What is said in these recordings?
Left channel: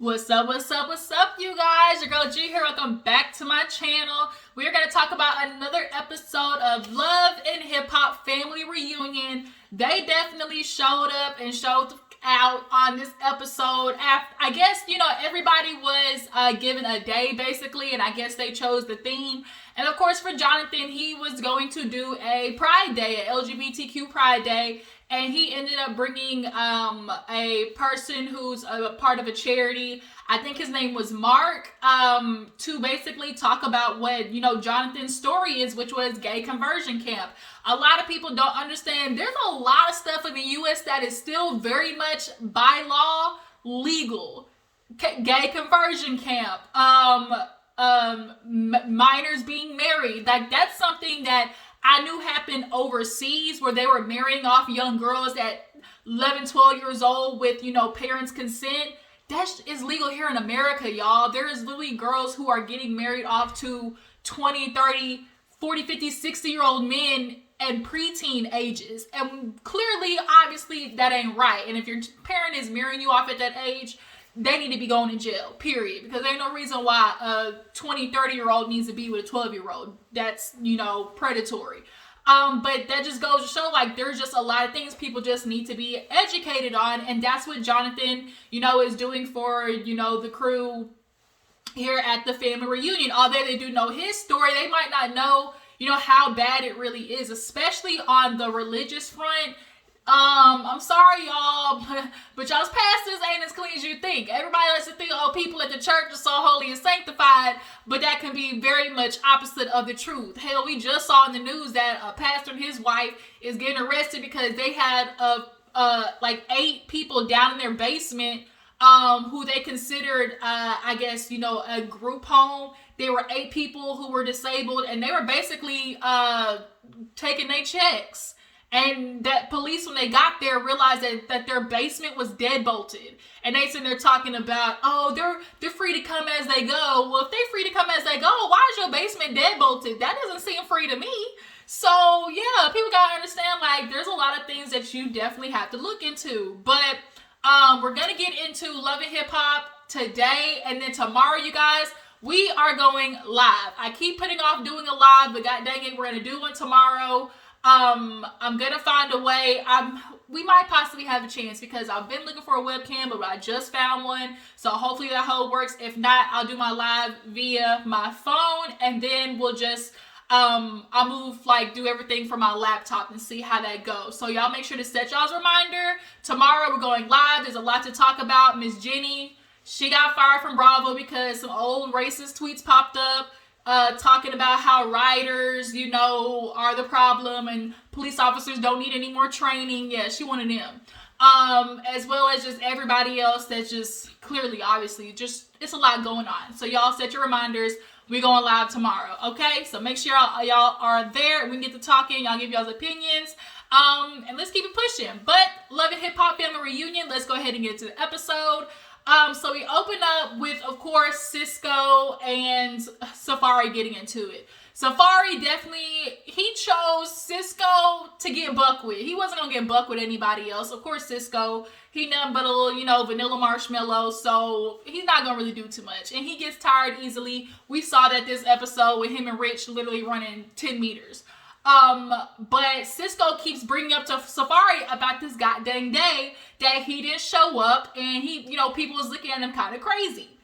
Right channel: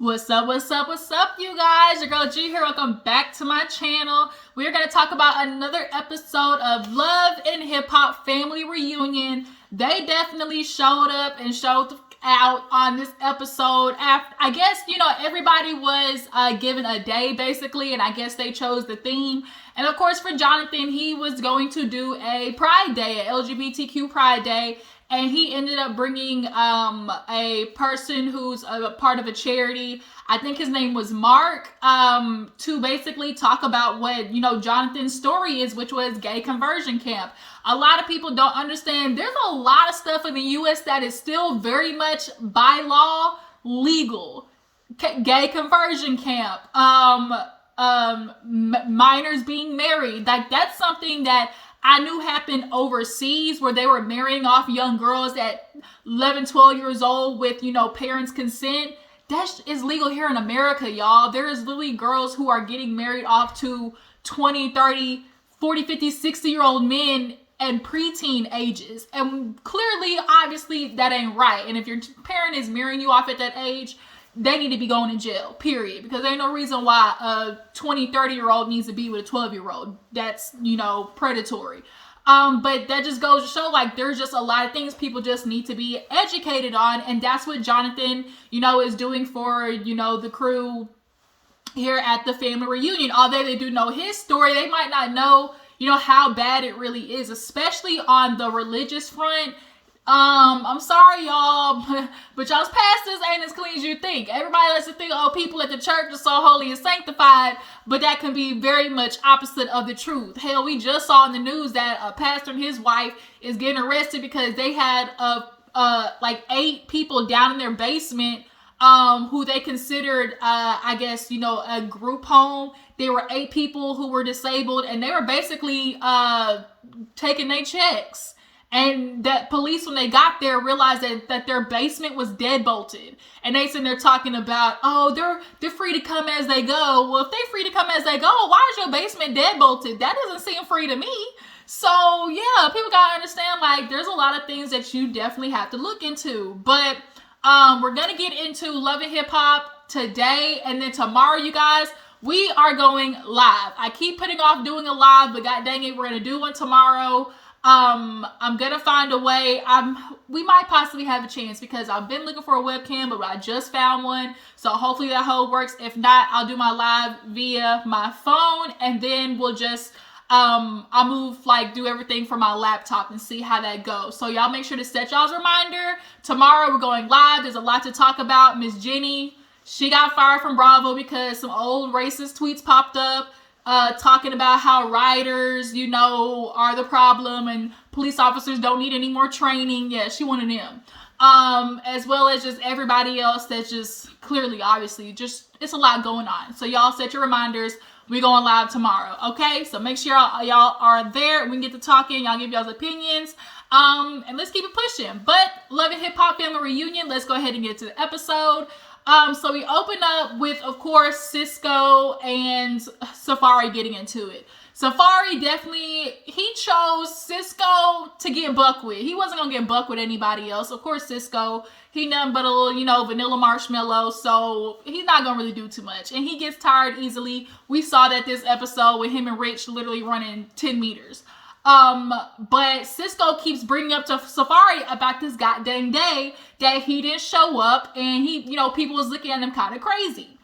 What's up, what's up, what's up, you guys? Your girl G here. Welcome back to my channel. We're going to talk about another episode of Love and Hip-Hop Family Reunion. They definitely showed up and showed out on this episode. After, I guess, everybody was given a day, basically, and I guess they chose the theme. And, of course, for Jonathan, he was going to do a Pride Day, an LGBTQ Pride Day. And he ended up bringing a person who's a part of a charity. I think his name was Mark, to basically talk about what, Jonathan's story is, which was gay conversion camp. A lot of people don't understand. There's a lot of stuff in the U.S. that is still very much by law legal. Gay conversion camp, minors being married. Like, that's something that I knew happened overseas, where they were marrying off young girls at 11, 12 years old with, parents' consent. That is legal here in America, y'all. There is literally girls who are getting married off to 20, 30, 40, 50, 60-year-old men and preteen ages. And clearly, obviously, that ain't right. And if your parent is marrying you off at that age, they need to be going to jail, period. Because there ain't no reason why a 20, 30-year-old needs to be with a 12-year-old. That's, predatory. But that just goes to show, like, there's just a lot of things people just need to be educated on. And that's what Jonathan, is doing for, the crew here at the family reunion. Although they do know his story, they might not know, how bad it really is, especially on the religious front. I'm sorry, y'all, but y'all's pastors ain't as clean as you think. Everybody likes to think, people at the church are so holy and sanctified, but that can be very much opposite of the truth. Hell, we just saw in the news that a pastor and his wife is getting arrested because they had like 8 people down in their basement, who they considered, a group home. There were 8 people who were disabled, and they were basically taking their checks. And that police, when they got there, realized that their basement was deadbolted. And they said they're talking about, they're free to come as they go. Well, if they're free to come as they go, why is your basement deadbolted? That doesn't seem free to me. So, yeah, people gotta understand, like, there's a lot of things that you definitely have to look into. But we're gonna get into Love and Hip Hop today. And then tomorrow, you guys, we are going live. I keep putting off doing a live, but god dang it, we're gonna do one tomorrow. I'm gonna find a way. We might possibly have a chance because I've been looking for a webcam, but I just found one. So hopefully that whole works. If not, I'll do my live via my phone, and then we'll just, I'll move, do everything from my laptop and see how that goes. So y'all make sure to set y'all's reminder. Tomorrow we're going live. There's a lot to talk about. Miss Jenny, she got fired from Bravo because some old racist tweets popped up. Talking about how rioters, are the problem and police officers don't need any more training. Yeah, she one of them. As well as just everybody else that's just clearly, obviously, just, it's a lot going on. So y'all set your reminders. We're going live tomorrow, okay? So make sure y'all are there. We can get to talking. Y'all give y'all's opinions. And let's keep it pushing. But Love and Hip Hop Family Reunion, let's go ahead and get to the episode. So we open up with, of course, Cisco and Safari getting into it. Safari definitely, he chose Cisco to get buck with. He wasn't going to get buck with anybody else. Of course, Cisco, he nothing but a little, vanilla marshmallow, so he's not going to really do too much. And he gets tired easily. We saw that this episode with him and Rich literally running 10 meters. But Cisco keeps bringing up to Safari about this goddamn day that he didn't show up, and he, people was looking at him kind of crazy.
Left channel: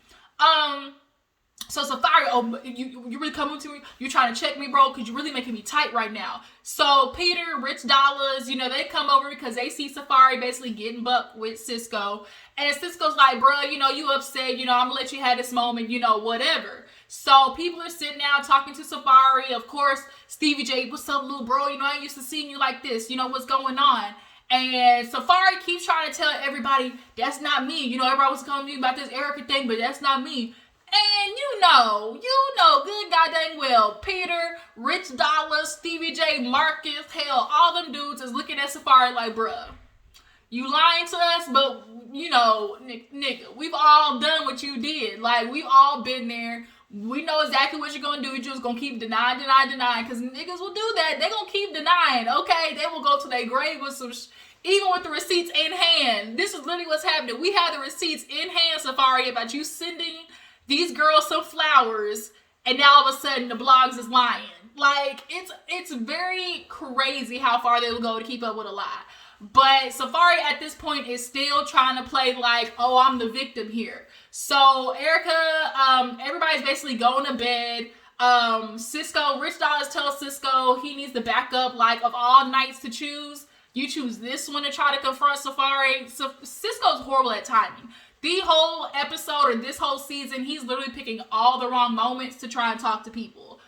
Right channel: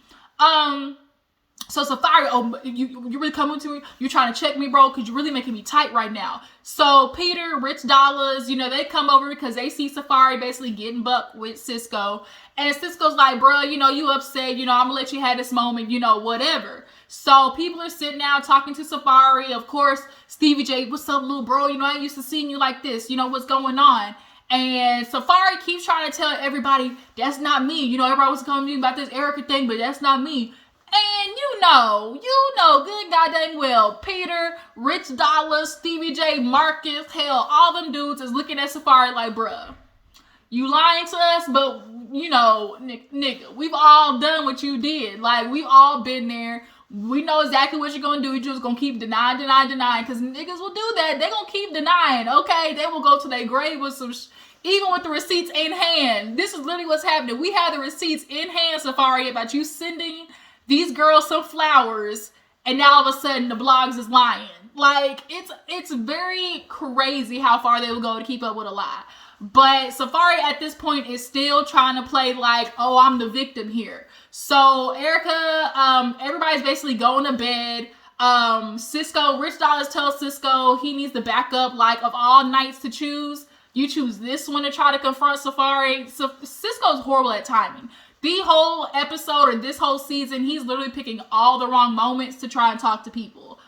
So Safari, you really coming to me? You trying to check me, bro? Cause you're really making me tight right now. So Peter, Rich Dollars, they come over because they see Safari basically getting buck with Cisco, and Cisco's like, bro, you upset, I'm gonna let you have this moment, whatever. So people are sitting down talking to Safari. Of course, Stevie J, what's up, little bro? I ain't used to seeing you like this. What's going on? And Safari keeps trying to tell everybody, that's not me. Everybody was telling me about this Erica thing, but that's not me. And good goddamn well, Peter, Rich Dollar, Stevie J, Marcus, hell, all them dudes is looking at Safari like, bruh, you lying to us, but, nigga, we've all done what you did. Like, we've all been there. We know exactly what you're going to do. You're just going to keep denying, because niggas will do that. They're going to keep denying, okay? They will go to their grave with some even with the receipts in hand. This is literally what's happening. We have the receipts in hand, Safari, about you sending these girls some flowers, and now all of a sudden the blogs is lying. Like, it's very crazy how far they will go to keep up with a lie. But Safari at this point is still trying to play like, oh, I'm the victim here. So Erica, everybody's basically going to bed. Cisco, Rich Dollars tells Cisco he needs the backup, like, of all nights to choose. You choose this one to try to confront Safari. So Cisco's horrible at timing. The whole episode or this whole season, he's literally picking all the wrong moments to try and talk to people.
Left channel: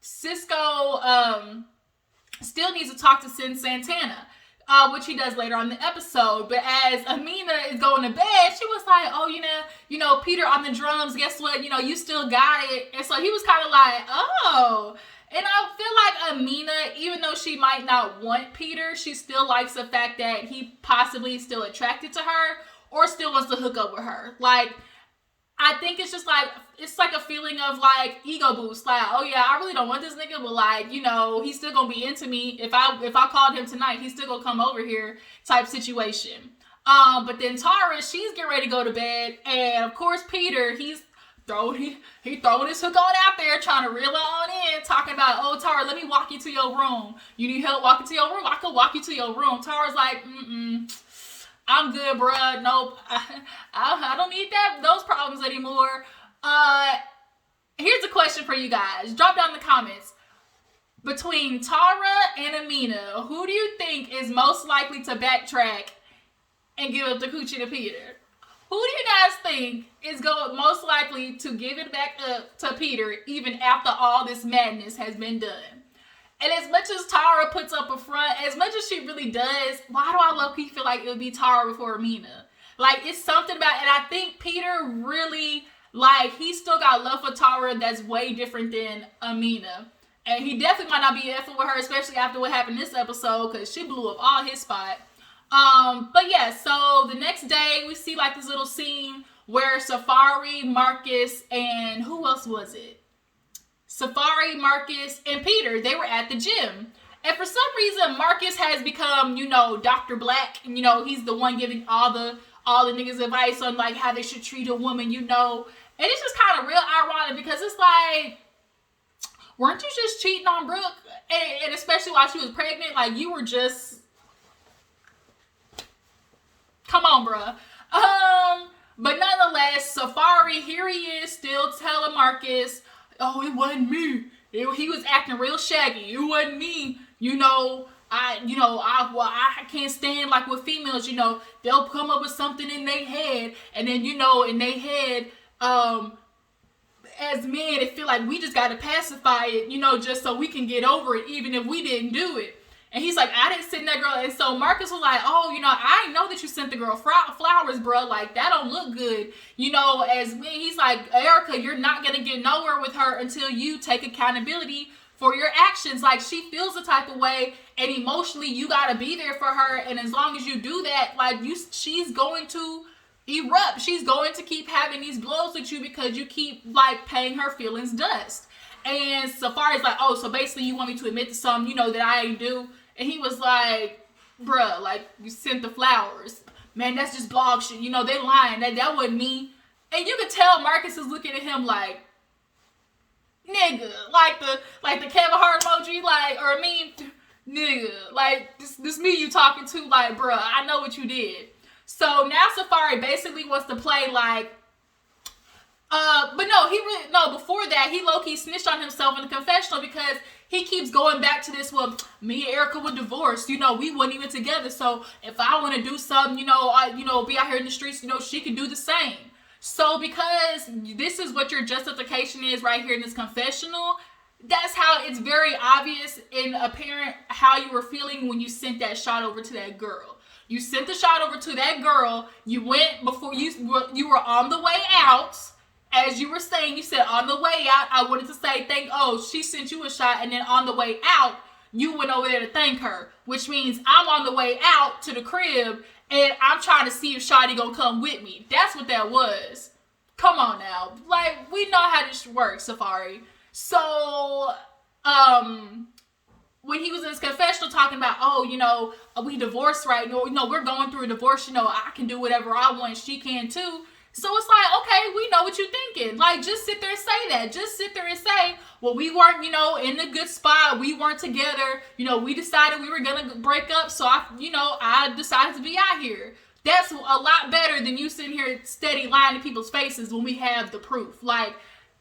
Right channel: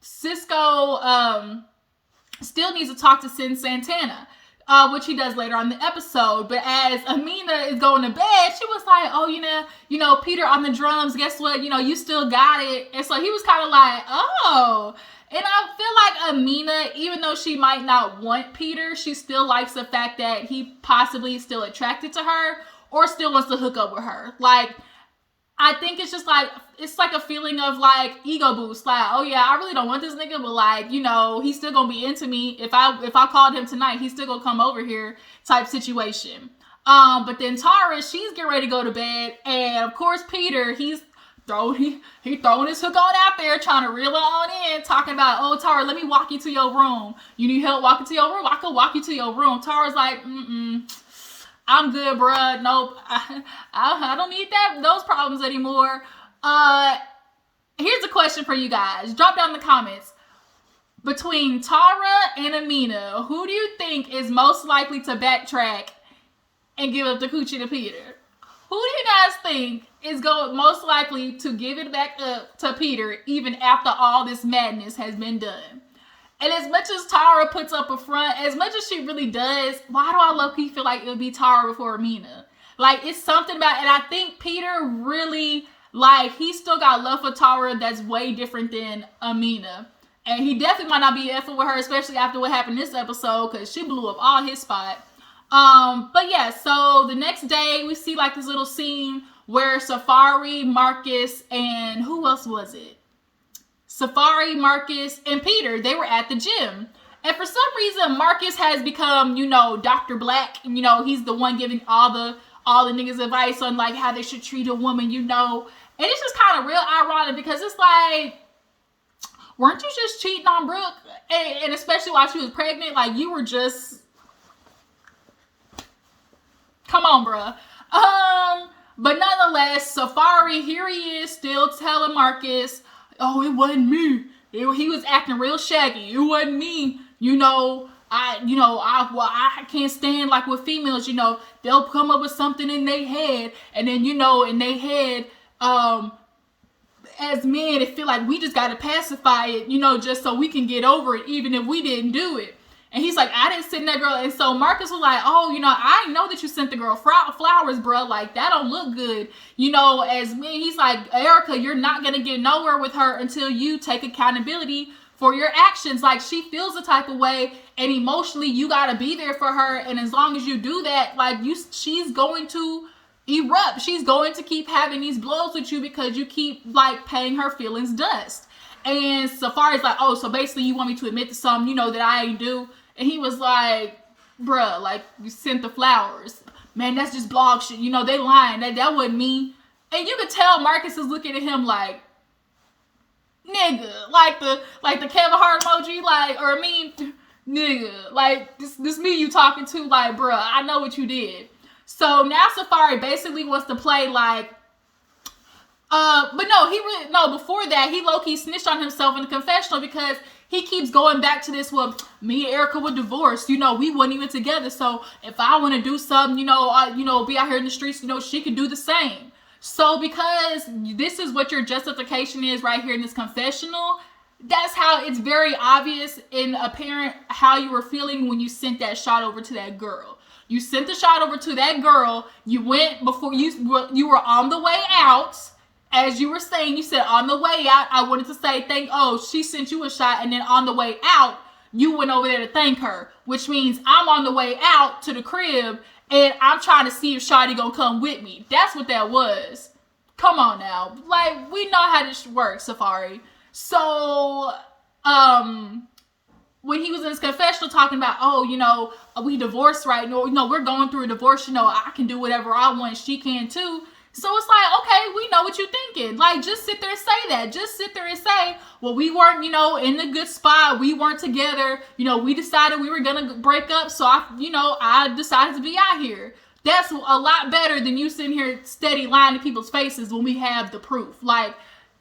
Cisco still needs to talk to Sin Santana, which he does later on in the episode. But as Amina is going to bed, she was like, oh, you know, Peter on the drums, guess what? You still got it. And so he was kind of like, oh. And I feel like Amina, even though she might not want Peter, she still likes the fact that he possibly is still attracted to her or still wants to hook up with her. Like, I think it's just like, it's like a feeling of like ego boost. Like, oh yeah, I really don't want this nigga, but like, he's still gonna be into me. If I called him tonight, he's still gonna come over here type situation. But then Tara, she's getting ready to go to bed. And of course, Peter, he's throwing his hook on out there, trying to reel it on in, talking about, oh, Tara, let me walk you to your room. You need help walking to your room? I can walk you to your room. Tara's like, I'm good, bruh. Nope. I don't need those problems anymore. Here's a question for you guys. Drop down in the comments. Between Tara and Amina, who do you think is most likely to backtrack and give up the coochie to Peter? Who do you guys think is most likely to give it back up to Peter even after all this madness has been done? And as much as Tara puts up a front, as much as she really does, why do I low-key feel like it would be Tara before Amina? Like, it's something about, and I think Peter really, like, he still got love for Tara that's way different than Amina. And he definitely might not be effing with her, especially after what happened this episode, because she blew up all his spot. But yeah, so the next day we see like this little scene where Safari, Marcus, and who else was it? Safari, Marcus, and Peter, they were at the gym. And for some reason, Marcus has become, Dr. Black. He's the one giving all the niggas advice on like how they should treat a woman, And it's just kind of real ironic because it's like, weren't you just cheating on Brooke? And especially while she was pregnant, like you were just, come on, bruh. But nonetheless, Safari, here he is still telling Marcus, oh, it wasn't me. He was acting real shaggy. It wasn't me. I can't stand like with females, they'll come up with something in their head. And then, in their head, as men, it feel like we just got to pacify it, just so we can get over it, even if we didn't do it. And he's like, I didn't send that girl. And so Marcus was like, oh, I know that you sent the girl flowers, bro. Like, that don't look good. As me, he's like, Erica, you're not going to get nowhere with her until you take accountability for your actions. Like, she feels the type of way, and emotionally, you got to be there for her. And as long as you do that, like, she's going to erupt. She's going to keep having these blows with you because you keep, like, paying her feelings dust. And Safari's like, oh, so basically you want me to admit to something, that I ain't do. And he was like, bruh, like, you sent the flowers. Man, that's just blog shit. They lying. That wasn't me. And you could tell Marcus is looking at him like, nigga. Like the Kevin Hart emoji, like, or nigga. Like, this me you talking to, like, bruh, I know what you did. So now Safari basically wants to play like, but no, before that, he low-key snitched on himself in the confessional because he keeps going back to this, well, me and Erica were divorced, we wasn't even together, so if I want to do something, be out here in the streets, she could do the same. So because this is what your justification is right here in this confessional, that's how it's very obvious and apparent how you were feeling when you sent that shot over to that girl. You sent the shot over to that girl, you went before you were on the way out. As you were saying, you said on the way out, I wanted to say she sent you a shot, and then on the way out, you went over there to thank her, which means I'm on the way out to the crib, and I'm trying to see if Shawty gonna come with me. That's what that was. Come on now. Like, we know how this works, Safari. So, when he was in his confessional talking about, oh, we divorced right now, we're going through a divorce, I can do whatever I want, she can too. So it's like, okay, we know what you're thinking. Like, just sit there and say that. Just sit there and say, well, we weren't, in a good spot. We weren't together. We decided we were going to break up. So, I decided to be out here. That's a lot better than you sitting here steady lying to people's faces when we have the proof. Like,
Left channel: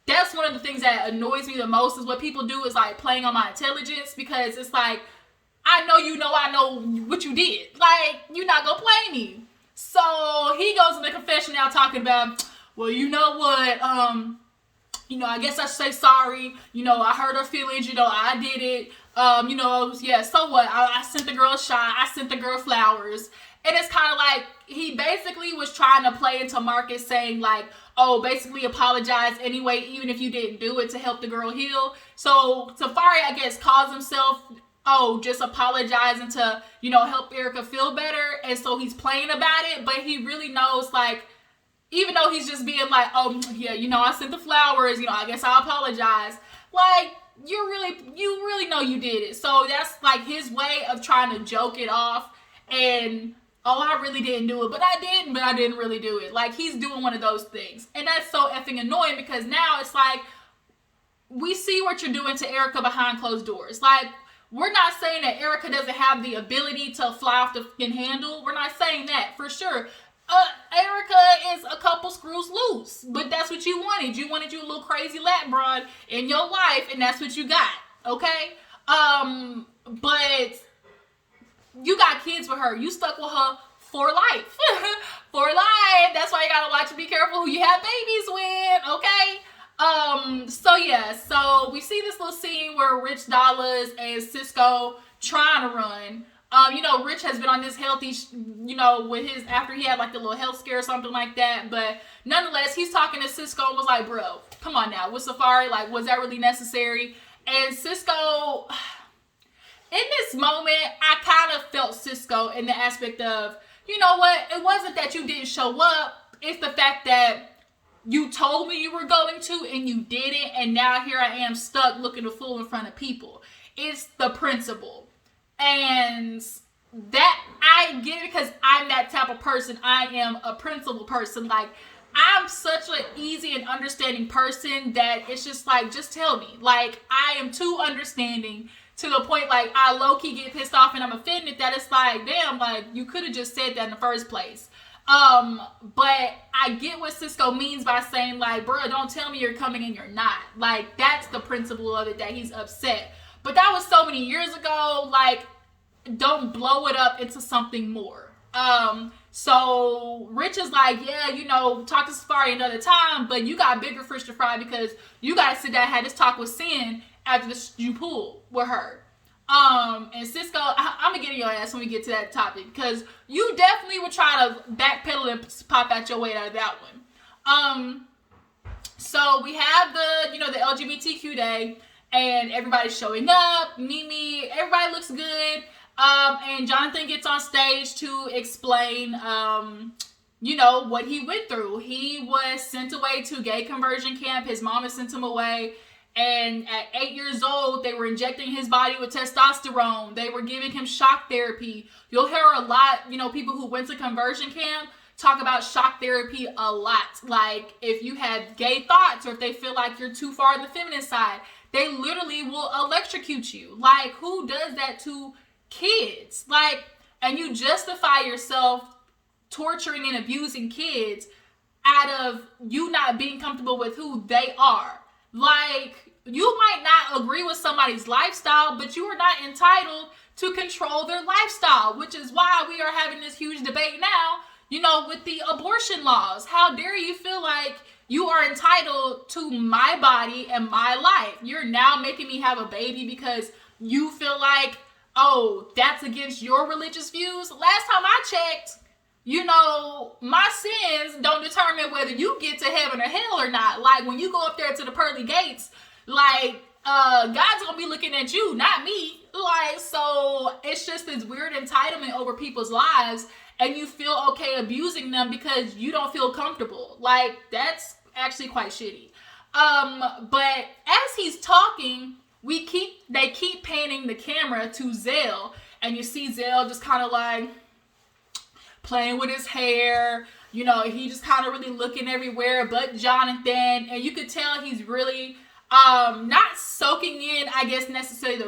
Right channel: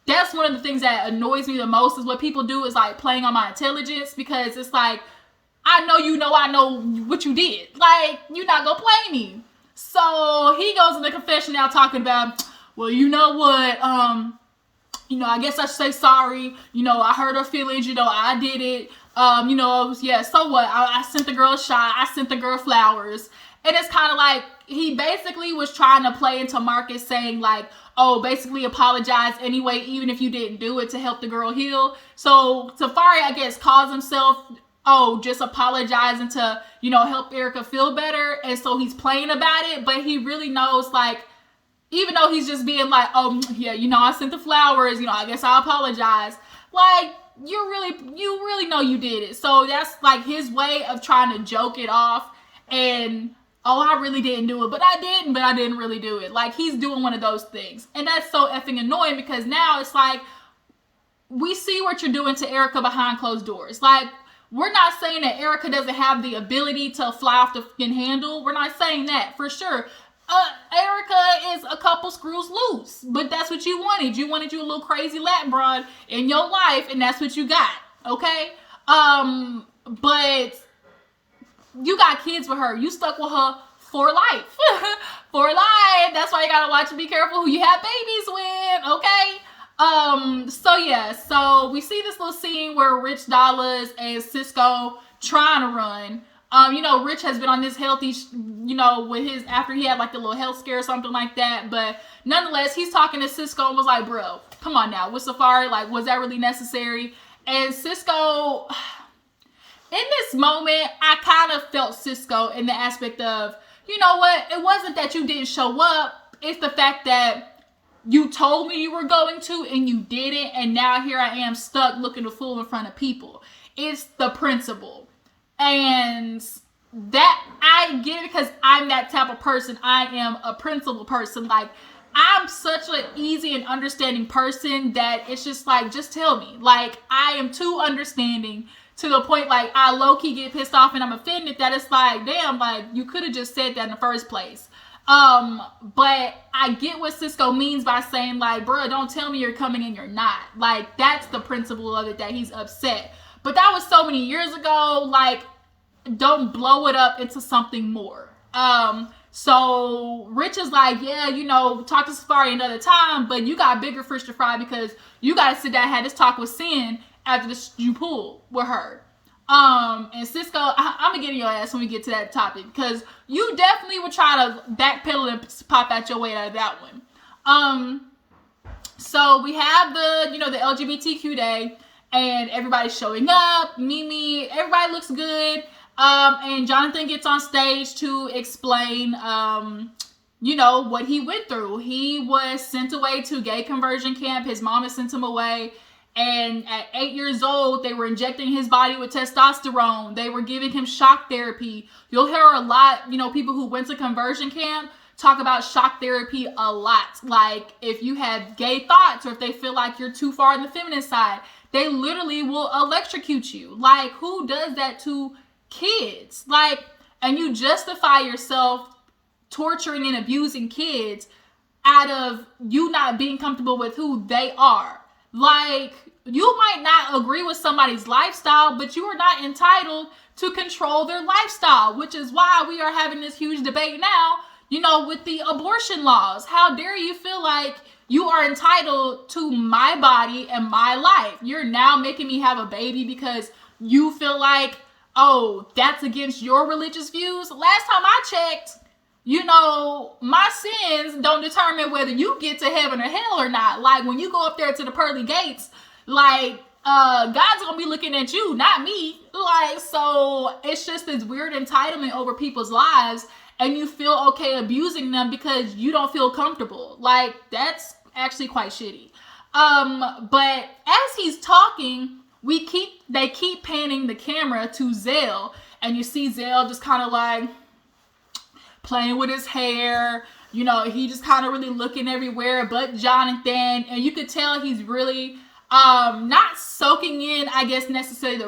that's one of the things that annoys me the most is what people do is, like, playing on my intelligence, because it's like, I know what you did. Like, you're not going to play me. So he goes in the confession now talking about, well, you know what, I guess I should say sorry. I hurt her feelings. I did it. Yeah, so what? I sent the girl a shot. I sent the girl flowers. And it's kind of like he basically was trying to play into Marcus saying like, oh, basically apologize anyway, even if you didn't do it to help the girl heal. So Safari, I guess, calls himself, just apologizing to, help Erica feel better. And so he's playing about it, but he really knows, like, even though he's just being like, oh, yeah, I sent the flowers, I guess I apologize. Like, you really know you did it. So that's like his way of trying to joke it off. And, oh, I really didn't do it, but I didn't really do it. Like, he's doing one of those things. And that's so effing annoying, because now it's like, we see what you're doing to Erica behind closed doors. Like, we're not saying that Erica doesn't have the ability to fly off the fucking handle. We're not saying that, for sure. Erica is a couple screws loose, but that's what you wanted. You wanted you a little crazy Latin broad in your life, and that's what you got, okay? But you got kids with her. You stuck with her for life. For life. That's why you gotta watch and be careful who you have babies with, okay? So we see this little scene where Rich Dollars and Cisco trying to run. Rich has been on this healthy, with his, after he had like the little health scare or something like that. But nonetheless, he's talking to Cisco and was like, bro, come on now, with Safari, like, was that really necessary? And Cisco, in this moment, I kind of felt Cisco in the aspect of, you know what? It wasn't that you didn't show up. It's the fact that you told me you were going to and you didn't, and now here I am stuck looking a fool in front of people. It's the principle. And that, I get it, because I'm that type of person. I am a principled person. Like, I'm such an easy and understanding person that it's just like, just tell me. Like, I am too understanding to the point, like, I low-key get pissed off and I'm offended that it's like, damn, like, you could have just said that in the first place. But I get what Cisco means by saying, like, bro, don't tell me you're coming and you're not. Like, that's the principle of it, that he's upset. But that was so many years ago. Like, don't blow it up into something more. So Rich is like, yeah, talk to Safari another time, but you got bigger fish to fry, because you got to sit down and have this talk with Sin after you pull with her. And Cisco, I'm gonna get in your ass when we get to that topic, because you definitely would try to backpedal and pop out your way out of that one. So we have the LGBTQ day, and everybody's showing up. Mimi, everybody looks good. And Jonathan gets on stage to explain, what he went through. He was sent away to gay conversion camp. His mama sent him away. And at 8 years old, they were injecting his body with testosterone. They were giving him shock therapy. You'll hear a lot, people who went to conversion camp talk about shock therapy a lot. Like, if you have gay thoughts, or if they feel like you're too far on the feminine side, they literally will electrocute you. Like, who does that to kids? Like, and you justify yourself torturing and abusing kids out of you not being comfortable with who they are. Like, you might not agree with somebody's lifestyle, but you are not entitled to control their lifestyle, which is why we are having this huge debate now, with the abortion laws. How dare you feel like you are entitled to my body and my life? You're now making me have a baby because you feel like, oh, that's against your religious views? Last time I checked, my sins don't determine whether you get to heaven or hell or not. Like, when you go up there to the pearly gates, like, God's gonna be looking at you, not me. Like, so it's just this weird entitlement over people's lives, and you feel okay abusing them because you don't feel comfortable. Like, that's actually quite shitty. But as he's talking, they keep panning the camera to Zell, and you see Zell just kind of like playing with his hair. You know, he just kind of really looking everywhere but Jonathan, and you could tell he's really not soaking in, I guess, necessarily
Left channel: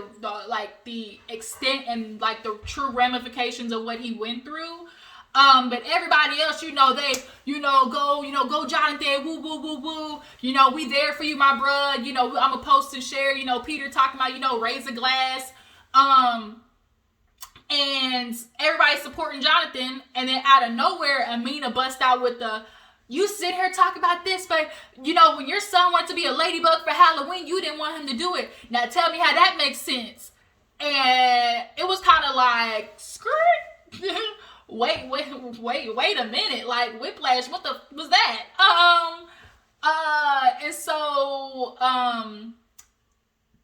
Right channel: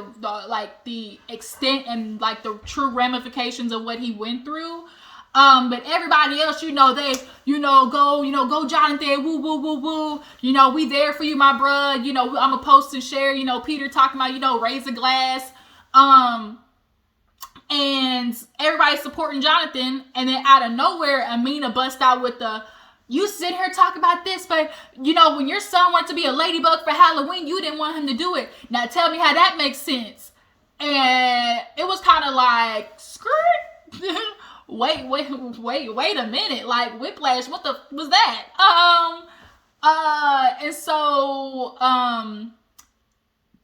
the extent and like the true ramifications of what he went through. But everybody else, they, go Jonathan, woo, woo, woo, woo. We there for you, my bruh. I'm a post and share, Peter talking about, raise a glass. And everybody's supporting Jonathan. And then out of nowhere, Amina busts out with you sit here talking about this, but, when your son wanted to be a ladybug for Halloween, you didn't want him to do it. Now tell me how that makes sense. And it was kind of like, skirt. Wait a minute. Like, whiplash, what the was that? And so,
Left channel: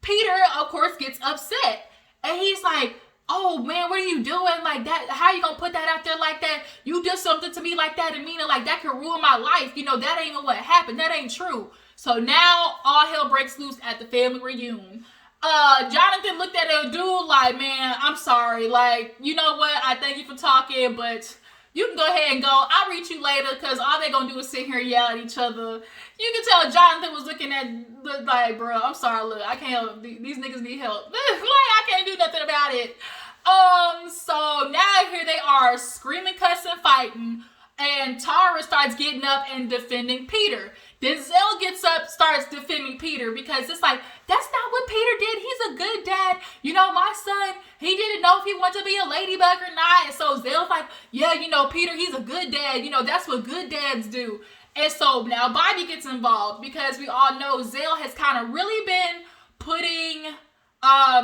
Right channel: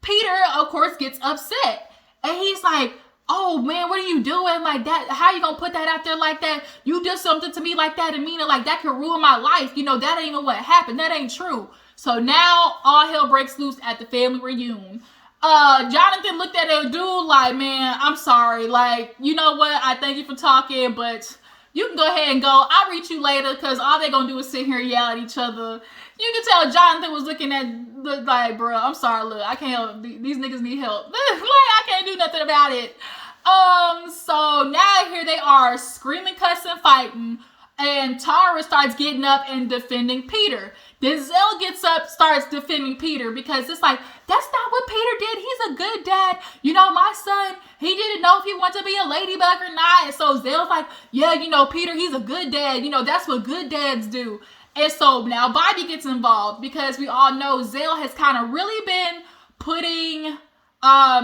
Peter, of course, gets upset. And he's like, oh, man, what are you doing? Like, that, how you gonna put that out there like that? You did something to me like that, Amina, like, that could ruin my life. That ain't what happened. That ain't true. So now, all hell breaks loose at the family reunion. Jonathan looked at that dude like, man, I'm sorry. Like, you know what? I thank you for talking, but you can go ahead and go. I'll reach you later, because all they're gonna do is sit here and yell at each other. You can tell Jonathan was looking at, like, bro, I'm sorry, look, I can't help. These niggas need help. Like, I can't do nothing about it. So now here they are, screaming, cussing, fighting, and Tara starts getting up and defending Peter. Then Zell gets up, starts defending Peter, because it's like, that's not what Peter did. He's a good dad. My son, he didn't know if he wanted to be a ladybug or not. And so Zell's like, yeah, Peter, he's a good dad. That's what good dads do. And so now Bobby gets involved, because we all know Zell has kind of really been putting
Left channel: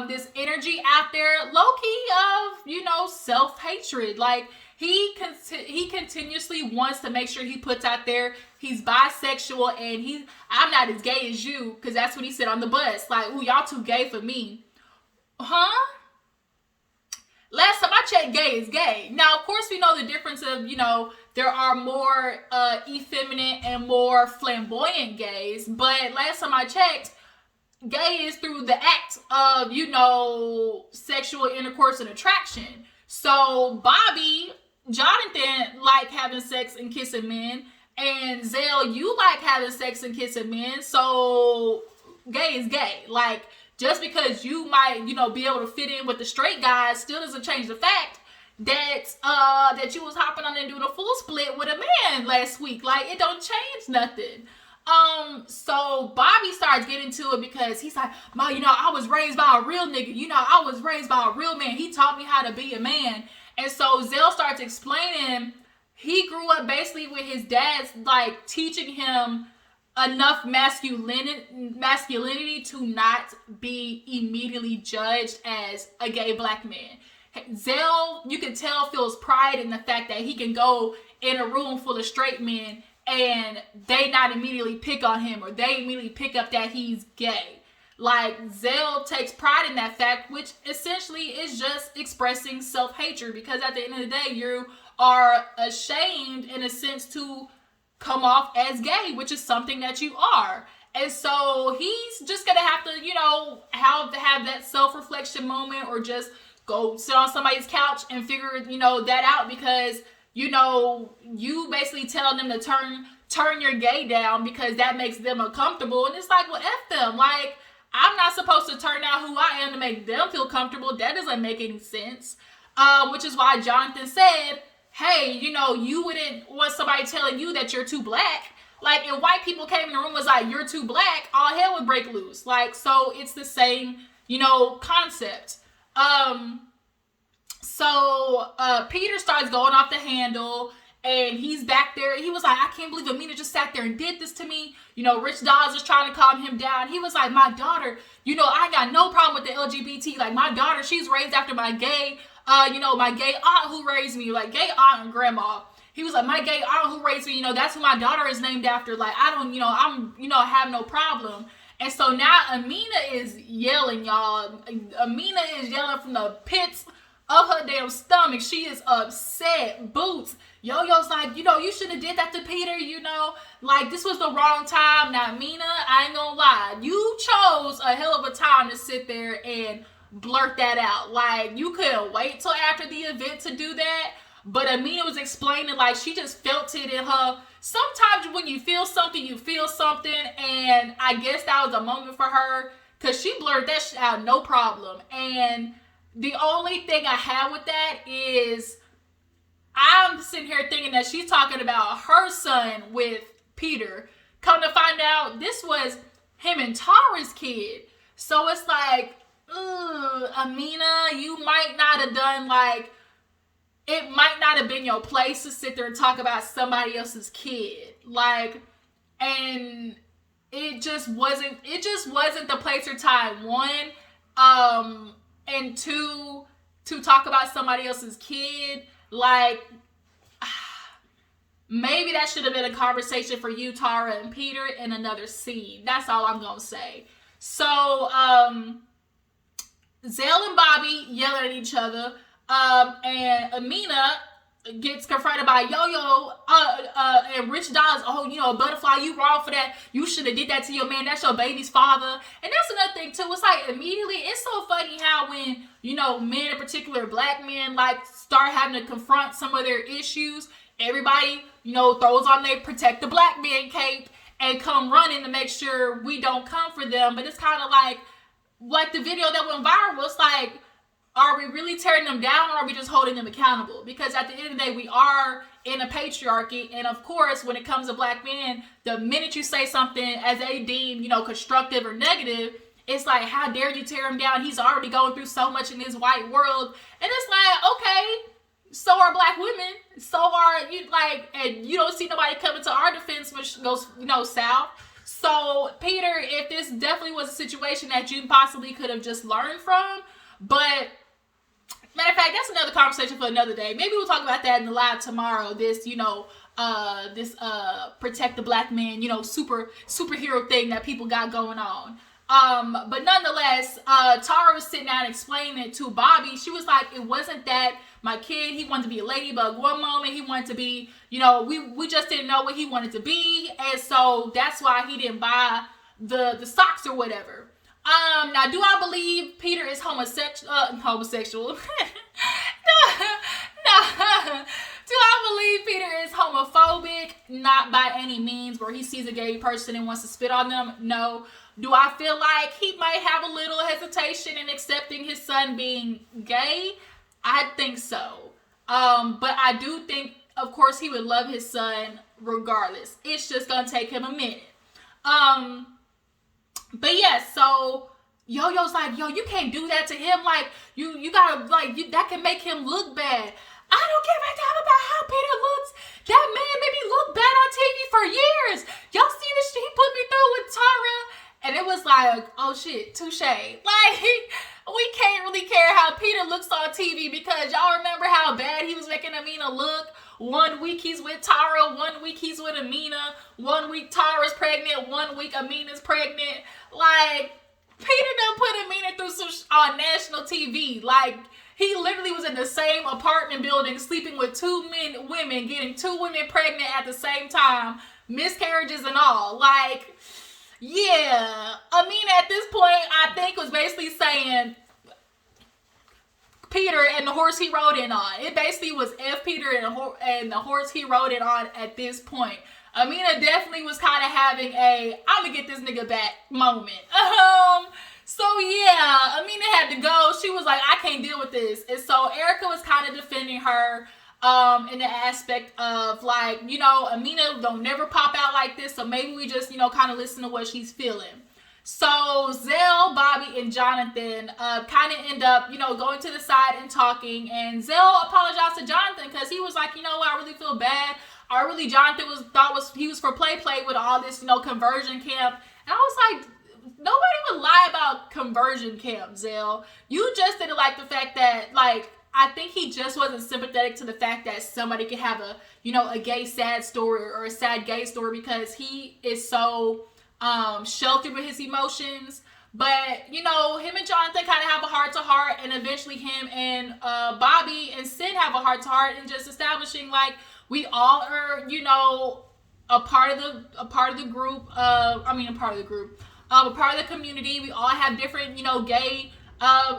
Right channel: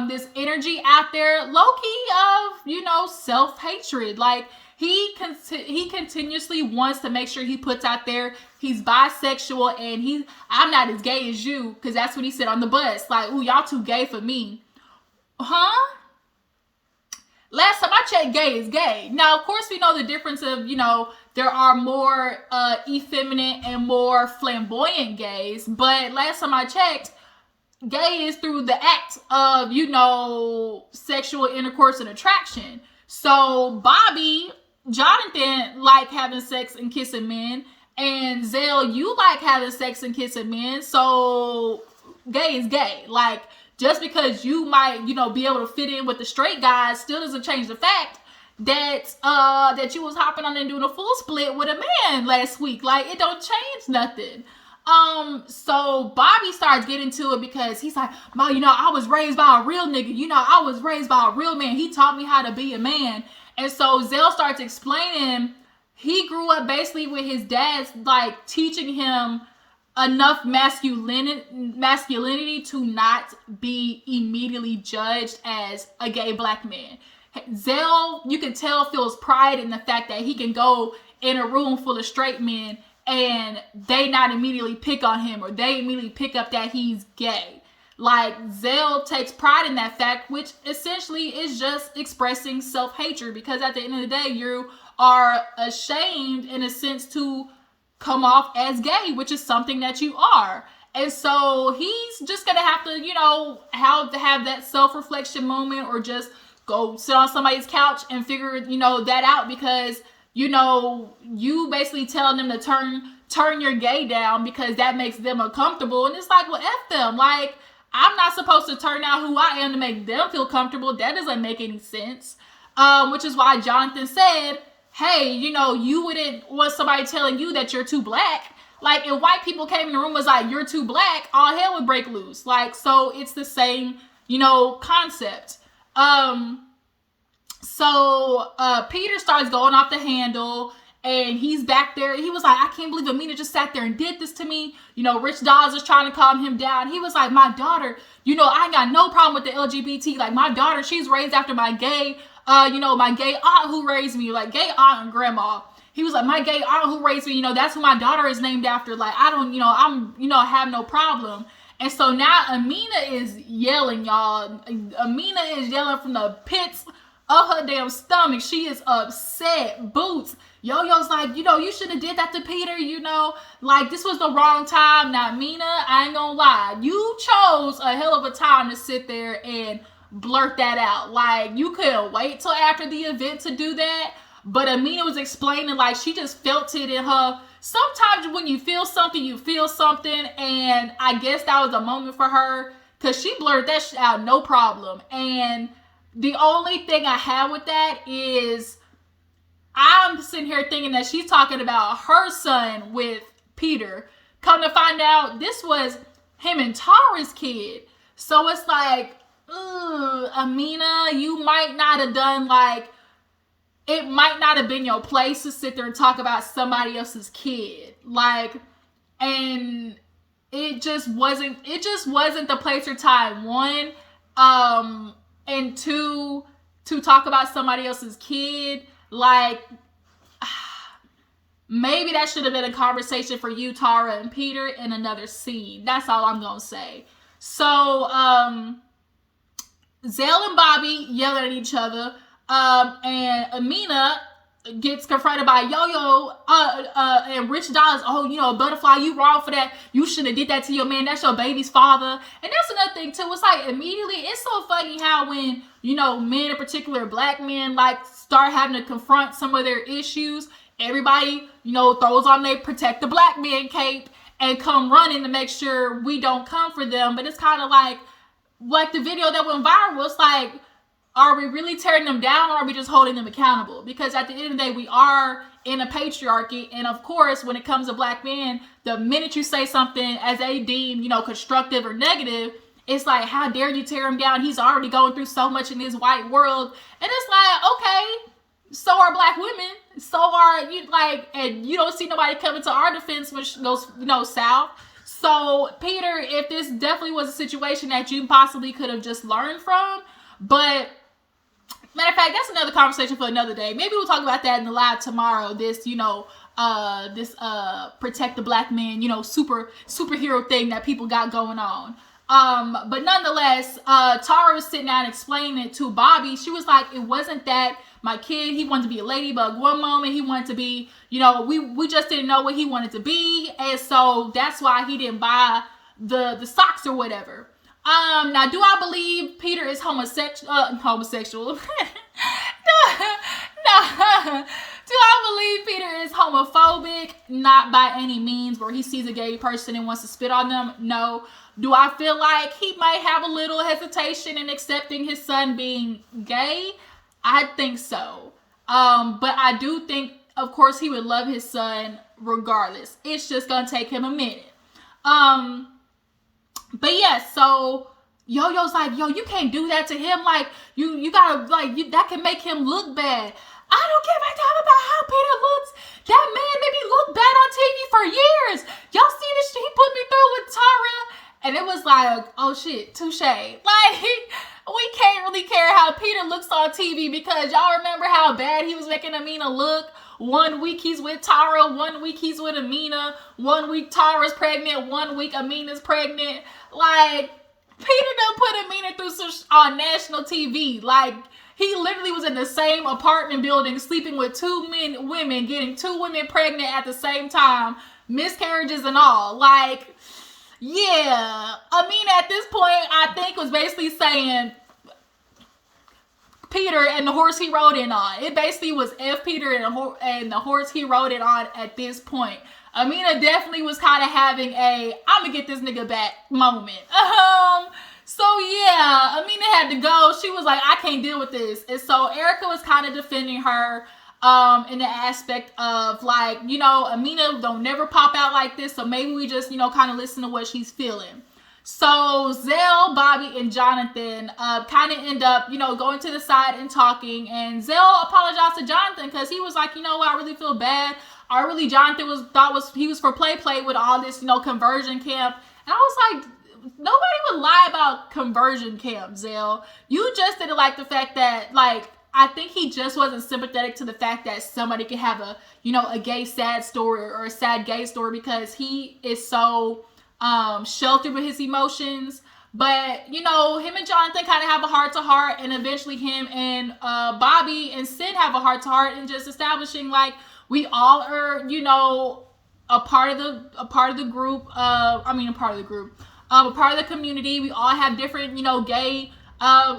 this energy out there, low-key of, self-hatred. Like, he continuously wants to make sure he puts out there he's bisexual, and I'm not as gay as you, because that's what he said on the bus. Like, ooh, y'all too gay for me. Huh? Last time I checked, gay is gay. Now, of course, we know the difference of, there are more effeminate and more flamboyant gays, but last time I checked, gay is through the act of, sexual intercourse and attraction. So Jonathan like having sex and kissing men, and Zell, you like having sex and kissing men, so gay is gay. Like, just because you might, be able to fit in with the straight guys still doesn't change the fact that you was hopping on and doing a full split with a man last week. Like, it don't change nothing. So Bobby starts getting to it, because he's like, Ma, I was raised by a real nigga. I was raised by a real man. He taught me how to be a man. And so Zell starts explaining he grew up basically with his dad's, like, teaching him enough masculinity to not be immediately judged as a gay black man. Zell, you can tell, feels pride in the fact that he can go in a room full of straight men and they not immediately pick on him, or they immediately pick up that he's gay. Like, Zell takes pride in that fact, which essentially is just expressing self-hatred, because at the end of the day, you are ashamed, in a sense, to come off as gay, which is something that you are. And so he's just gonna have to, have that self-reflection moment, or just go sit on somebody's couch and figure, that out, because, you basically telling them to turn your gay down because that makes them uncomfortable. And it's like, well, F them. Like, I'm not supposed to turn out who I am to make them feel comfortable. That doesn't make any sense. Which is why Jonathan said, hey, you wouldn't want somebody telling you that you're too black. Like, if white people came in the room and was like, you're too black, all hell would break loose. Like, so it's the same, concept. So Peter starts going off the handle, and he's back there. He was like, I can't believe Amina just sat there and did this to me. Rich Dawes is trying to calm him down. He was like, my daughter, I ain't got no problem with the LGBT. Like, my daughter, she's raised after my gay, my gay aunt who raised me, like, gay aunt and grandma. He was like, my gay aunt who raised me, that's who my daughter is named after. Like, I don't, have no problem. And so now Amina is yelling, y'all. Amina is yelling from the pits of her damn stomach. She is upset. Boots, Yo-Yo's like, you should have did that to Peter, like this was the wrong time. Now, Amina, I ain't gonna lie, you chose a hell of a time to sit there and blurt that out. Like, you couldn't wait till after the event to do that. But Amina was explaining, like, she just felt it in her. Sometimes when you feel something, you feel something. And I guess that was a moment for her, because she blurted that shit out, no problem. And the only thing I have with that is, I'm sitting here thinking that she's talking about her son with Peter. Come to find out, this was him and Tara's kid. So it's like, Amina, you might not have done, like, it might not have been your place to sit there and talk about somebody else's kid. Like, and it just wasn't the place or time, one. And two, to talk about somebody else's kid. Like, maybe that should have been a conversation for you, Tara, and Peter in another scene. That's all I'm going to say. So, Zell and Bobby yell at each other. And Amina gets confronted by Yo-Yo and Rich Dollars. Oh, Butterfly, you wrong for that. You should have did that to your man. That's your baby's father. And that's another thing too. It's like, immediately, it's so funny how when, men, in particular black men, like, start having to confront some of their issues, everybody, throws on their protect the black man cape and come running to make sure we don't come for them. But it's kind of like the video that went viral. It's like, are we really tearing them down, or are we just holding them accountable? Because at the end of the day, we are in a patriarchy. And of course, when it comes to black men, the minute you say something as they deem, constructive or negative, it's like, how dare you tear him down? He's already going through so much in this white world. And it's like, okay, so are black women. So are you, like, and you don't see nobody coming to our defense, which goes, south. So, Peter, if this definitely was a situation that you possibly could have just learned from, but matter of fact, that's another conversation for another day. Maybe we'll talk about that in the live tomorrow. This, this protect the black man, superhero thing that people got going on. But nonetheless, Tara was sitting down explaining it to Bobby. She was like, it wasn't that my kid, he wanted to be a ladybug one moment, he wanted to be, we just didn't know what he wanted to be, and so that's why he didn't buy the socks or whatever. Now, do I believe Peter is homosexual? No. Do I believe Peter is homophobic? Not by any means, where he sees a gay person and wants to spit on them. No. Do I feel like he might have a little hesitation in accepting his son being gay? I think so. But I do think, of course, he would love his son regardless. It's just gonna take him a minute. But yeah, so Yo-Yo's like, yo, you can't do that to him. Like, you gotta, like, that can make him look bad. I don't give a damn about how Peter looks. That man made me look bad on TV for years. Y'all see the shit he put me through with Tara? And it was like, oh shit, touche. Like, we can't really care how Peter looks on TV, because y'all remember how bad he was making Amina look? 1 week he's with Tara, 1 week he's with Amina, 1 week Tara's pregnant, 1 week Amina's pregnant. Like, Peter done put Amina through on national TV. Like, he literally was in the same apartment building, sleeping with 2 women, getting 2 women pregnant at the same time, miscarriages and all. Like, yeah, Amina at this point, I think, was basically saying Peter and the horse he rode in on. It basically was F Peter and the horse he rode it on at this point. Amina definitely was kind of having a I'm gonna get this nigga back moment. So yeah, Amina had to go. She was like, I can't deal with this. And so Erica was kind of defending her in the aspect of, like, Amina don't never pop out like this, so maybe we just, kind of listen to what she's feeling. So Zell, Bobby, and Jonathan kind of end up, going to the side and talking. And Zell apologized to Jonathan because he was like, I really feel bad. Jonathan thought he was for play with all this, conversion camp. And I was like, nobody would lie about conversion camp, Zell. You just didn't like the fact that, like, I think he just wasn't sympathetic to the fact that somebody could have a, a gay sad story or a sad gay story, because he is so sheltered with his emotions. But, him and Jonathan kind of have a heart-to-heart, and eventually him and Bobby and Sid have a heart-to-heart, and just establishing, like, We all are, you know, a part of the group. A part of the community. We all have different, you know, gay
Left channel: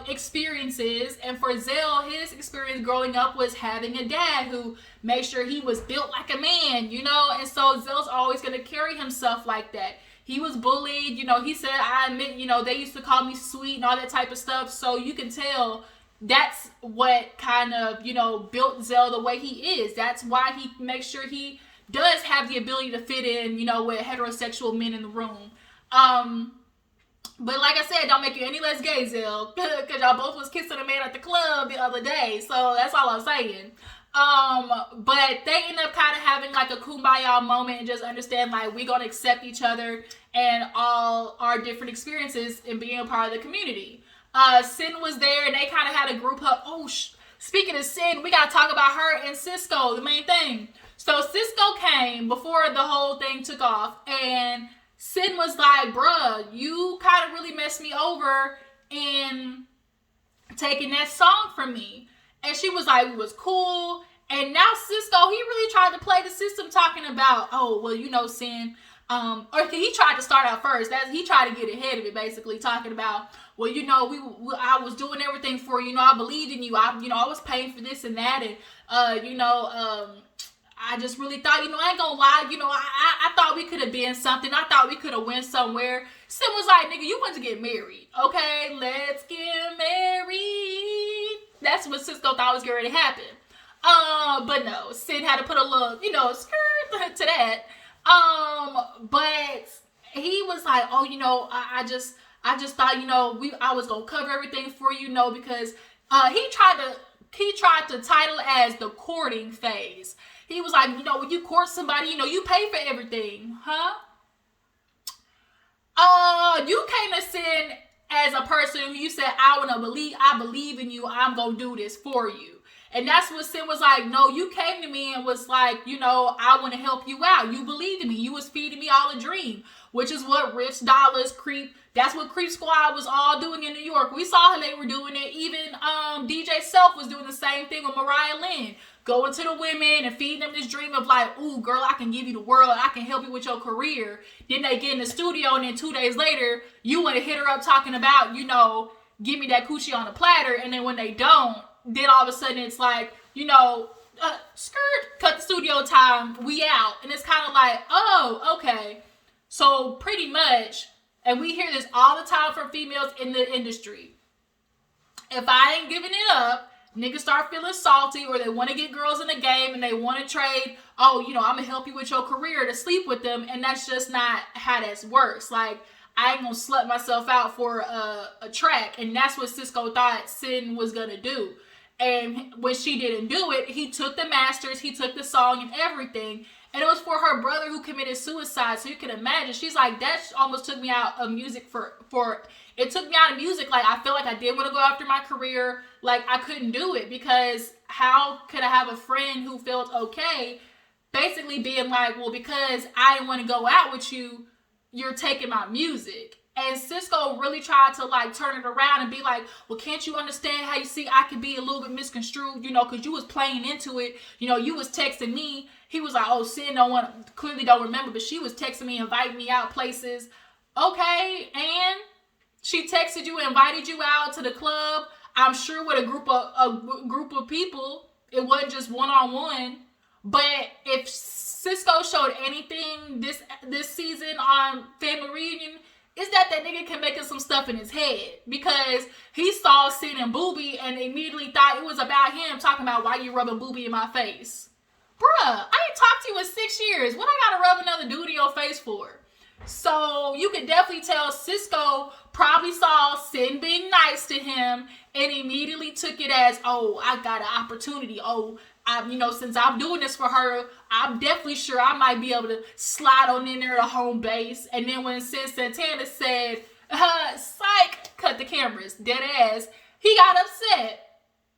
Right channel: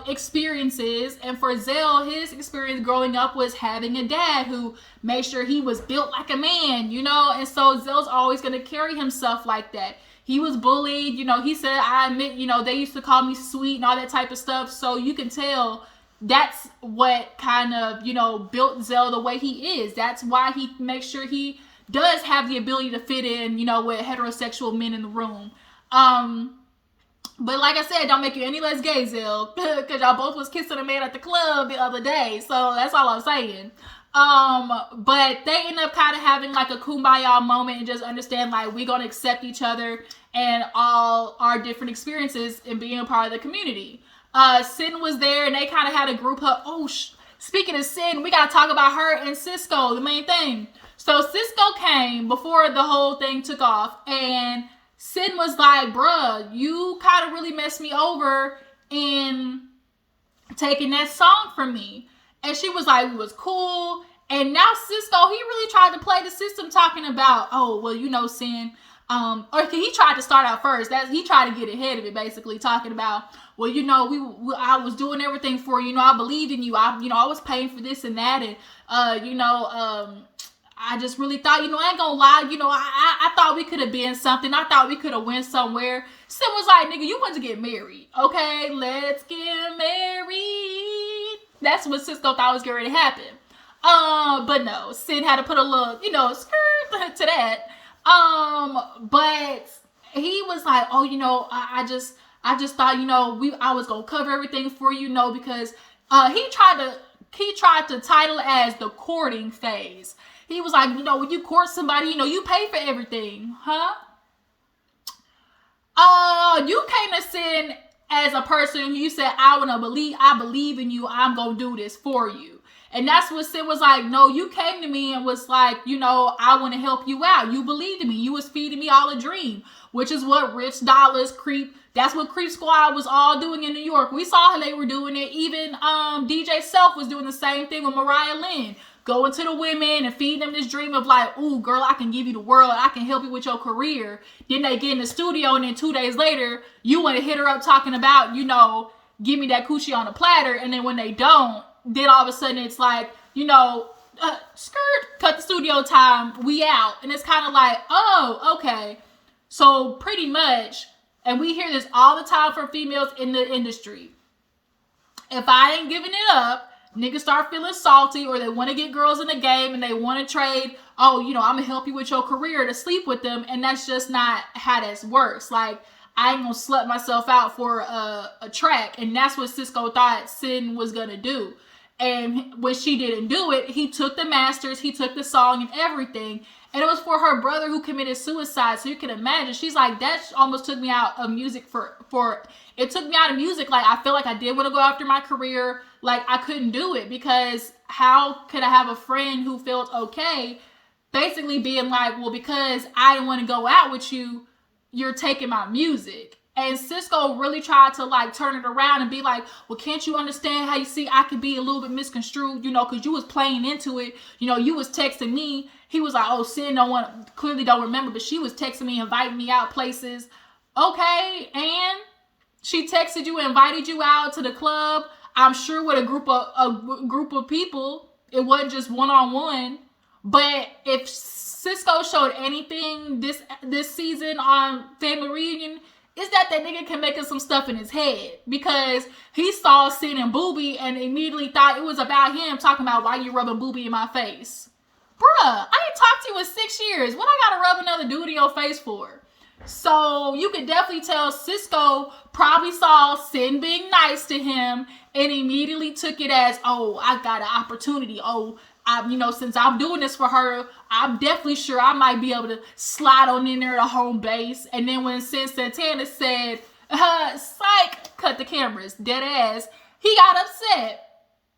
experiences. And for Zell, his experience growing up was having a dad who made sure he was built like a man, you know. And so Zell's always going to carry himself like that. He was bullied, you know. He said, I admit, you know, they used to call me sweet and all that type of stuff. So you can tell that's what kind of, you know, built Zell the way he is. That's why he makes sure he does have the ability to fit in, you know, with heterosexual men in the room. But like I said, don't make you any less gay, Zell, because y'all both was kissing a man at the club the other day. So that's all I'm saying. But they end up kind of having like a kumbaya moment and just understand like we're gonna accept each other and all our different experiences in being a part of the community. Sin was there and they kind of had a group hug. Speaking of Sin, we gotta talk about her and Cisco, the main thing. So Cisco came before the whole thing took off, and Sin was like, bruh, you kind of really messed me over in taking that song from me. And she was like, it was cool. And now Cisco, he really tried to play the system talking about, oh, well, you know, Sin. Or he tried to start out first. He tried to get ahead of it, basically talking about, well, you know, I was doing everything for you. You know, I believed in you. I was paying for this and that. And, I just really thought, you know, I ain't gonna lie, you know, I thought we could have been something. I thought we could have went somewhere. Sin was like, nigga, you want to get married. Okay, let's get married. That's what Cisco thought was going to happen. But no, Sin had to put a little, you know, skirt to that. But he was like, oh, you know, I just thought, you know, I was gonna cover everything for you, know, because he tried to title it as the courting phase. He was like, you know, when you court somebody, you know, you pay for everything, huh? You came to Sin as a person who you said, I believe in you, I'm gonna do this for you. And that's what Sin was like, no, you came to me and was like, you know, I want to help you out. You believed in me. You was feeding me all a dream, which is what Rich Dollars, that's what Creep Squad was all doing in New York. We saw how they were doing it. Even DJ Self was doing the same thing with Mariah Lynn. Going to the women and feeding them this dream of like, ooh, girl, I can give you the world. I can help you with your career. Then they get in the studio and then 2 days later, you want to hit her up talking about, you know, give me that coochie on a platter. And then when they don't, then all of a sudden it's like, you know, skirt, cut the studio time, we out. And it's kind of like, oh, okay. So pretty much, and we hear this all the time from females in the industry. If I ain't giving it up, niggas start feeling salty, or they want to get girls in the game and they want to trade, oh, you know, I'm going to help you with your career to sleep with them. And that's just not how that works. Like, I ain't going to slut myself out for a track. And that's what Cisco thought Sin was going to do. And when she didn't do it, he took the masters, he took the song and everything. And it was for her brother who committed suicide. So you can imagine, she's like, that almost took me out of music it took me out of music. Like, I feel like I did want to go after my career. Like, I couldn't do it because how could I have a friend who felt okay basically being like, well, because I didn't want to go out with you, you're taking my music. And Cisco really tried to like turn it around and be like, well, can't you understand how you see I could be a little bit misconstrued, you know, because you was playing into it. You know, you was texting me. He was like, oh, Sin clearly don't remember, but she was texting me, inviting me out places. Okay, and she texted you, invited you out to the club. I'm sure with a group of people. It wasn't just one-on-one. But if Cisco showed anything this season on Family Reunion, is that nigga can make us some stuff in his head. Because he saw Sin and Booby and immediately thought it was about him, talking about why you rubbing Booby in my face. Bruh, I ain't talked to you in 6 years. What I gotta rub another dude in your face for? So you could definitely tell Cisco probably saw Sin being nice to him and immediately took it as, oh, I got an opportunity. Oh, since I'm doing this for her, I'm definitely sure I might be able to slide on in there to home base. And then when Sin Santana said, psych, cut the cameras, dead ass, he got upset.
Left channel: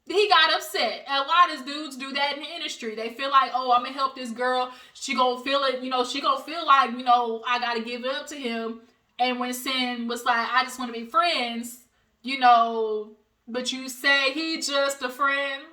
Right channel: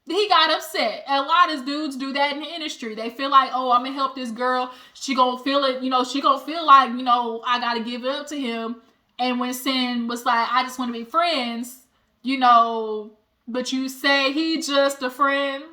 And a lot of dudes do that in the industry. They feel like, oh, I'm going to help this girl. She going to feel it, she going to feel like, I got to give it up to him. And when Sin was like, I just want to be friends, but you say he just a friend.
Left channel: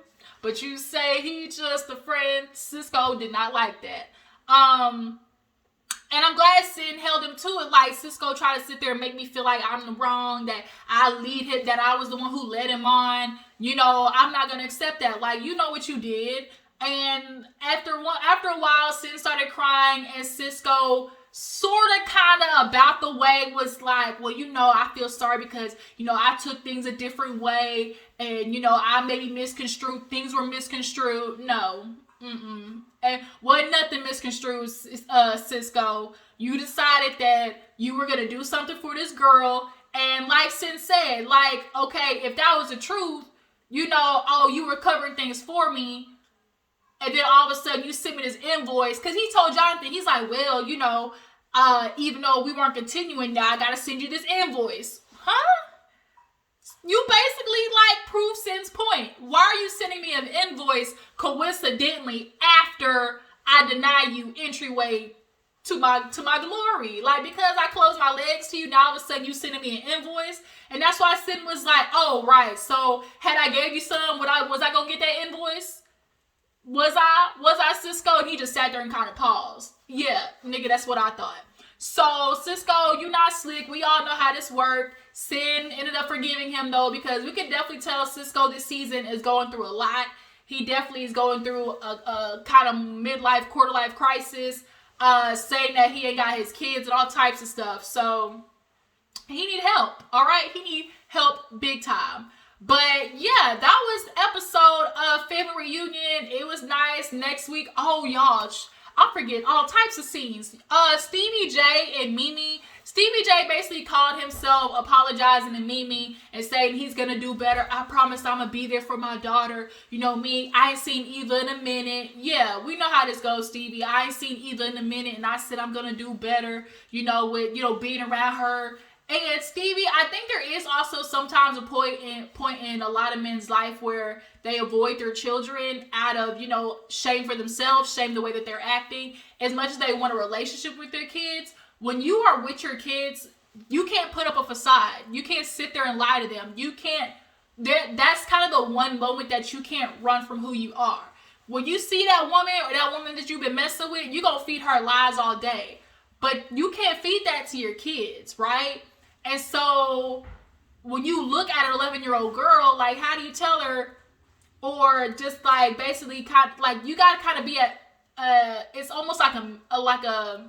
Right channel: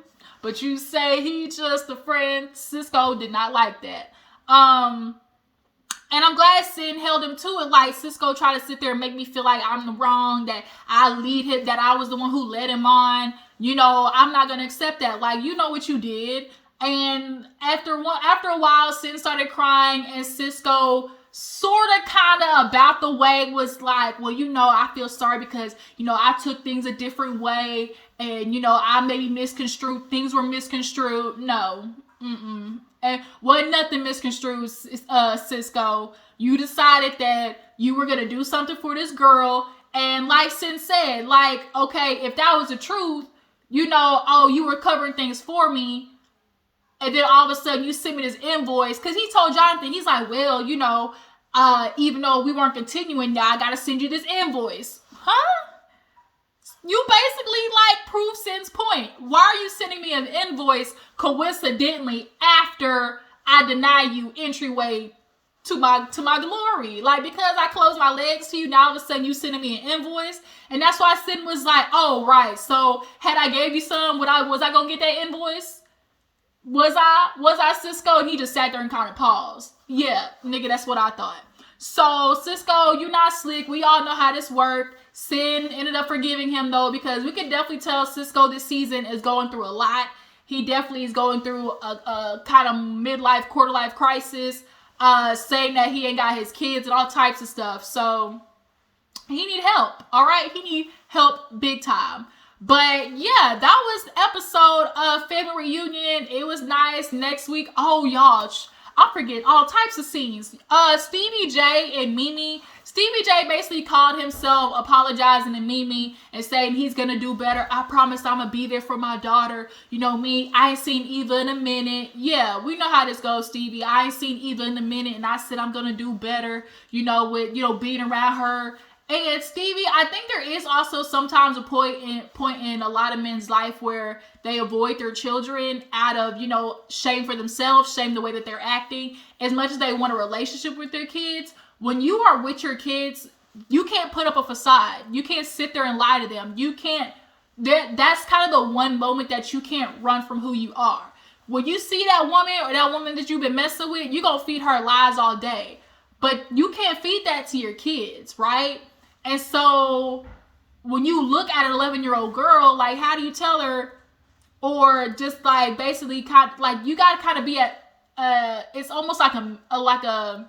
but you say he just a friend. Cisco did not like that. And I'm glad Sin held him to it. Like, Cisco tried to sit there and make me feel like I'm the wrong, that I lead him, that I was the one who led him on. You know, I'm not going to accept that. Like, you know what you did. And after a while, Sin started crying, and Cisco sort of kind of about the way was like, well, you know, I feel sorry because, you know, I took things a different way, and, you know, I maybe misconstrued, things were misconstrued. No. And wasn't nothing misconstrued, Cisco. You decided that you were going to do something for this girl, and like Sin said, like, okay, if that was the truth, you know, oh, you were covering things for me, and then all of a sudden you send me this invoice, because he told Jonathan, he's like, well, you know, even though we weren't continuing, now I gotta send you this invoice. Huh? You basically, like, prove Sin's point. Why are you sending me an invoice coincidentally after I deny you entryway to my glory? Like, because I closed my legs to you, now all of a sudden you sending me an invoice? And that's why Sin was like, oh, right, so had I gave you some, was I gonna get that invoice? Was I Cisco? And he just sat there and kind of paused. Yeah, nigga, that's what I thought. So, Cisco, you not slick. We all know how this worked. Sin ended up forgiving him, though, because we can definitely tell Cisco this season is going through a lot. He definitely is going through a kind of midlife, quarter-life crisis, saying that he ain't got his kids and all types of stuff. So, he need help, all right? He need help big time. But, yeah, that was the episode of Family Reunion. It was nice. Next week, oh, y'all, I'm forgetting all types of scenes. Stevie J and Mimi. Stevie J basically called himself apologizing to Mimi and saying he's gonna do better. I promise I'm gonna be there for my daughter. You know me, I ain't seen Eva in a minute. Yeah, we know how this goes, Stevie. I ain't seen Eva in a minute, and I said I'm gonna do better, you know, with, you know, being around her. And Stevie, I think there is also sometimes a point in a lot of men's life where they avoid their children out of, you know, shame for themselves, shame the way that they're acting, as much as they want a relationship with their kids. When you are with your kids, you can't put up a facade. You can't sit there and lie to them. You can't, that's kind of the one moment that you can't run from who you are. When you see that woman or that woman that you've been messing with, you're going to feed her lies all day. But you can't feed that to your kids, right? And so when you look at an 11-year-old girl, like, how do you tell her, or just like basically kind of, like, you got to kind of be at, it's almost like a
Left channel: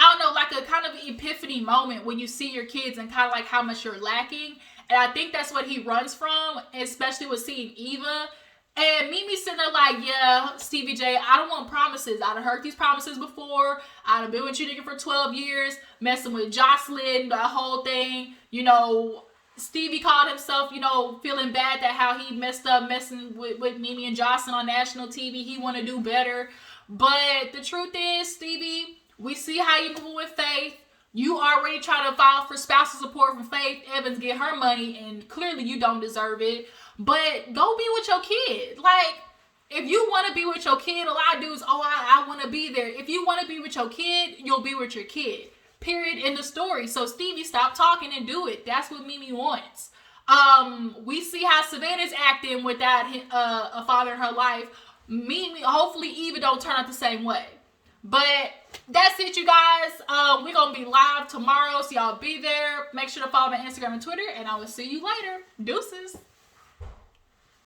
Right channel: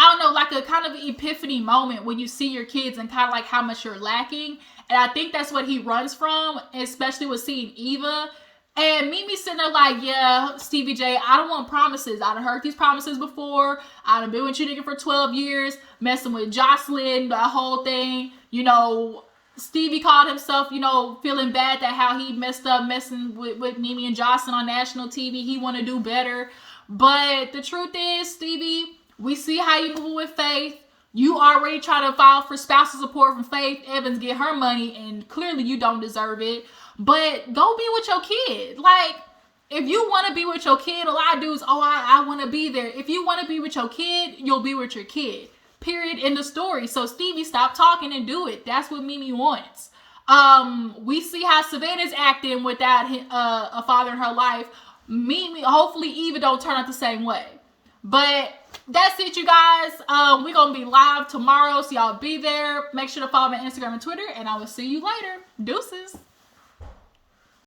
I don't know, like a kind of epiphany moment when you see your kids and kind of like how much you're lacking. And I think that's what he runs from, especially with seeing Eva. And Mimi sitting there like, yeah, Stevie J, I don't want promises. I done heard these promises before. I done been with you nigga for 12 years, messing with Jocelyn, the whole thing. You know, Stevie called himself, you know, feeling bad that how he messed up messing with Mimi and Jocelyn on national TV. He want to do better. But the truth is, Stevie, we see how you move with Faith. You already trying to file for spousal support from Faith Evans, get her money, and clearly you don't deserve it. But go be with your kid. Like, if you want to be with your kid, a lot of dudes, oh, I want to be there. If you want to be with your kid, you'll be with your kid. Period. End of story. So, Stevie, stop talking and do it. That's what Mimi wants. We see how Savannah's acting without a father in her life. Mimi, hopefully Eva don't turn out the same way. But that's it, you guys. We're going to be live tomorrow, so y'all be there. Make sure to follow me on Instagram and Twitter, and I will see you later. Deuces.